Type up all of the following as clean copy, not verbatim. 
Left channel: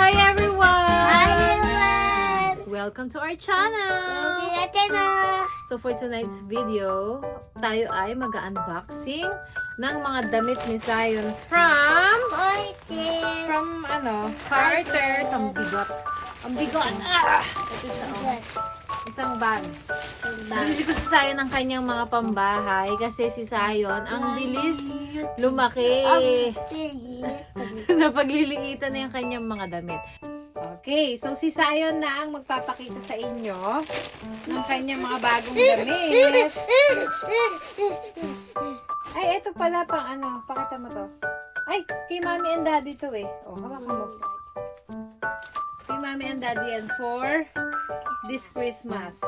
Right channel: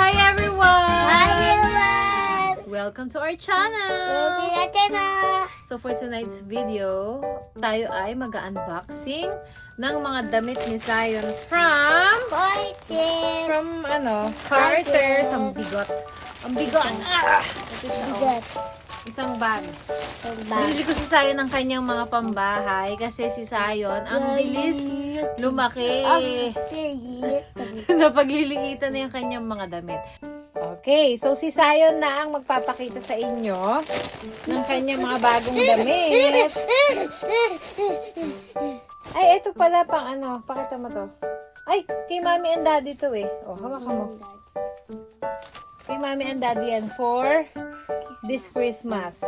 Hi everyone! everyone! Welcome to our channel! So for tonight's video, tayo ay mag-unboxing ng mga damit ni Zion from Carter's. Ang bigot. Ang bigot! Ah! Ito siya, oh. Isang bag. Binili ko si Zion ng kanyang mga pambahay kasi si Zion ang bilis lumaki. Napagliliitan na yung kanyang mga damit. Okay, so si Zion na ang magpapakita sa inyo ng kanyang mga bagong damit. Ay, ito pala pang ano, pakita mo to. Ay, kay Mommy and Daddy to eh. Oh, hawakan mo. Kay Mommy and Daddy yan for this Christmas.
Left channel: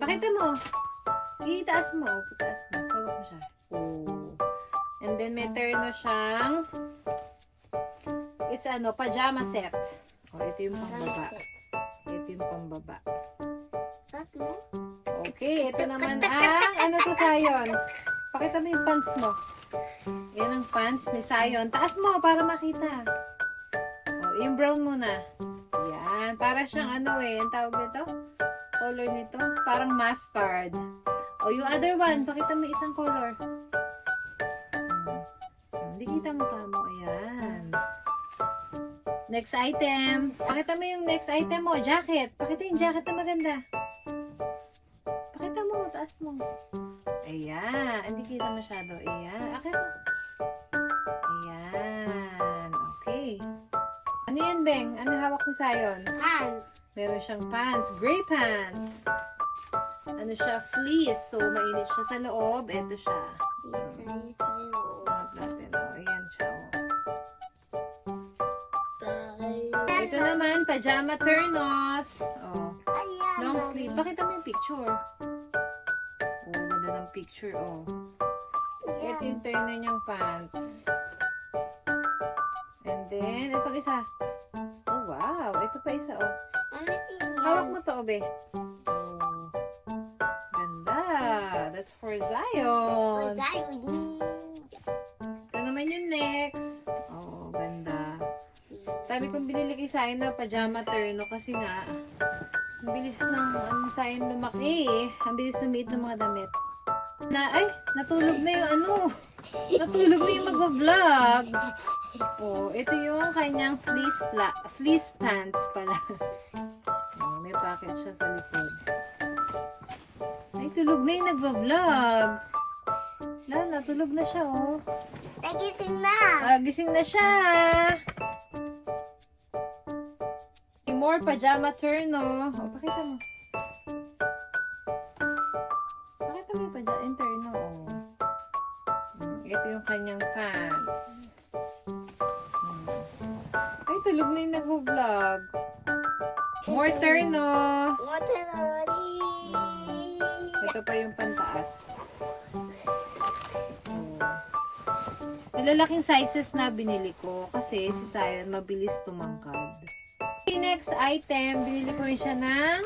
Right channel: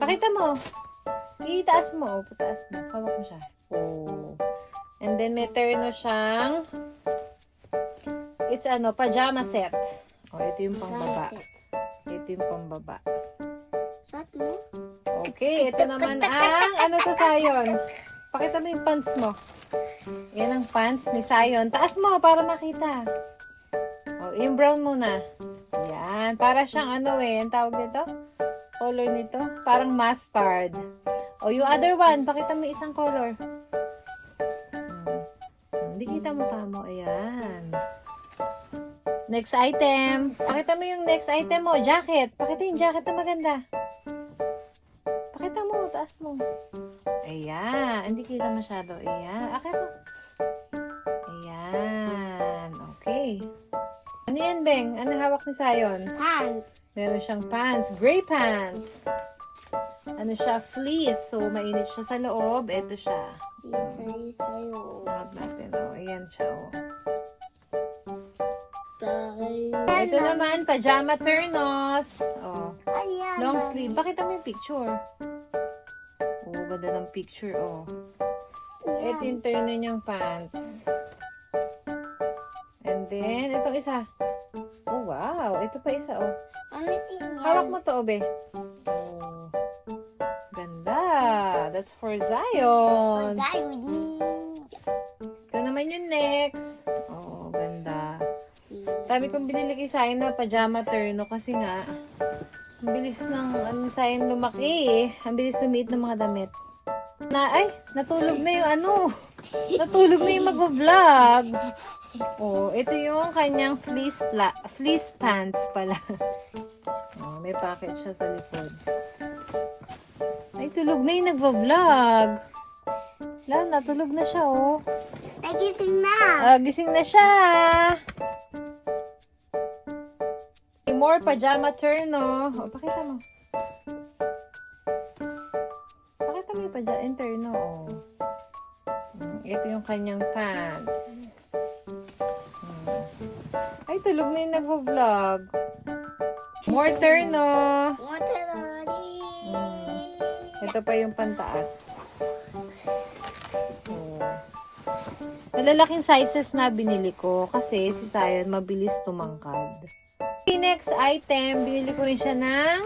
Pakita mo. Itaas mo. Oh, pataas mo. Hawak mo siya. Oh. And then may terno siyang it's pajama set. Oh, ito yung pambaba. Ito yung pambaba. Okay, ito naman ang to Zion. Pakita mo yung pants mo. Yan ang pants ni Zion. Taas mo para makita. Oh, yung brown muna. Yan, para siyang ang tawag nito? Color nito, parang mustard. Oh, yung other one, pakita mo isang color. Hindi kita mo pa mo. Ayan. Next item. Pakita mo yung next item mo. Jacket. Pakita yung jacket na maganda. Pakita mo. Taas mo. Ayan. Hindi kita masyado. Ayan. Akit mo. Ayan. Okay. Ano yan, Beng? Ano hawak ni Zion? Pants. Meron siyang pants. Gray pants. Ano siya? Fleece. So, mainit siya sa loob. Ito siya. Tingnan natin. Oh, ayan siya. Oh. Ito naman, pajama turnos. Oh. Long sleeve. Pakita mo yung picture. Oh, ganda ng picture. Oh. Ito yung turno niyang pants. And then, itong isa. Oh, wow. Ito pa isa, oh. Hawak mo to, Obe. Oh. Ganda. That's for Zion. Ito naman yung next. Oh, ganda. Sabi kong binili kay Zion na pajama turno kasi nga, ang bilis ng Zion lumaki eh. Ang bilis lumiit ng mga damit. Natulog na yung natulog na yung mag-vlog. Oh, ito yung kanyang fleece pants pala. Oh, may packet siya sa likod. Ay, tulog na yung nagva-vlog. Natulog na siya, oh. Nagising na. Gising na siya. More pajama turno. Oh, pakita mo. Pakita mo yung pajama turno. Oh. Ito yung kanyang pants. Ay, tulog na yung nag-vlog. More turno. Ito pa yung pantaas. Oh. Malalaking sizes na binili ko kasi si Zion mabilis tumangkad. Okay, next item, binili ko rin siya ng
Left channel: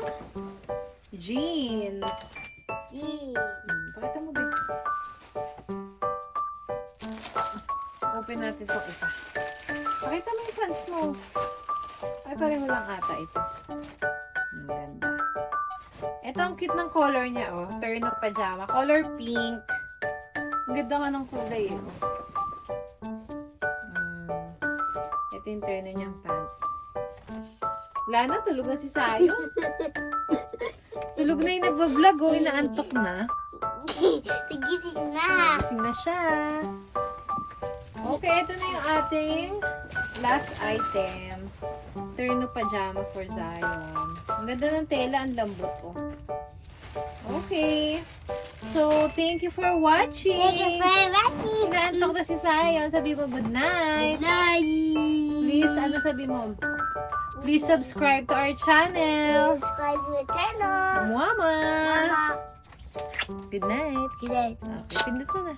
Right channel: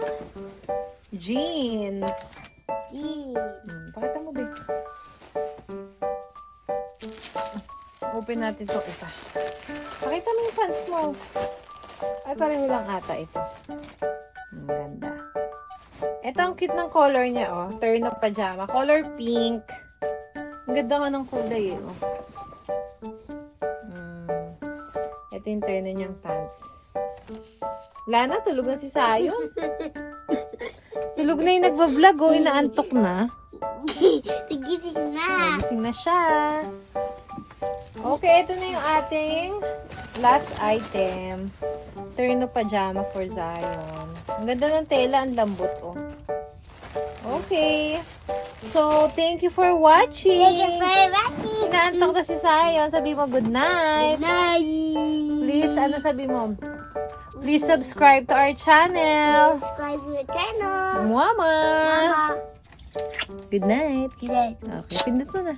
jeans. Pakita mo, babe. Open natin ito isa. Pakita mo yung pants mo. Ay, pareho lang ata ito. Ang ganda. Ito ang cute ng color niya, oh. Turn of pajama. Color pink. Ang ganda nga ng kulay, oh. Ito yung turn niyang pants. Lana, tulog na si Zion. Tulog na yung nagbablog, oh. Inaantok na. Nagising na. Nagising na siya. Okay, ito na yung ating last item. Turno pajama for Zion. Ang ganda ng tela, ang lambot, oh. Okay. So, thank you for watching. Thank you for watching. Inaantok na si Zion. Sabi mo, good night. Please, sabi mo? Please subscribe to our channel. Subscribe to the channel. Mama. Mama. Good night. Good night. Okay, pindot mo na.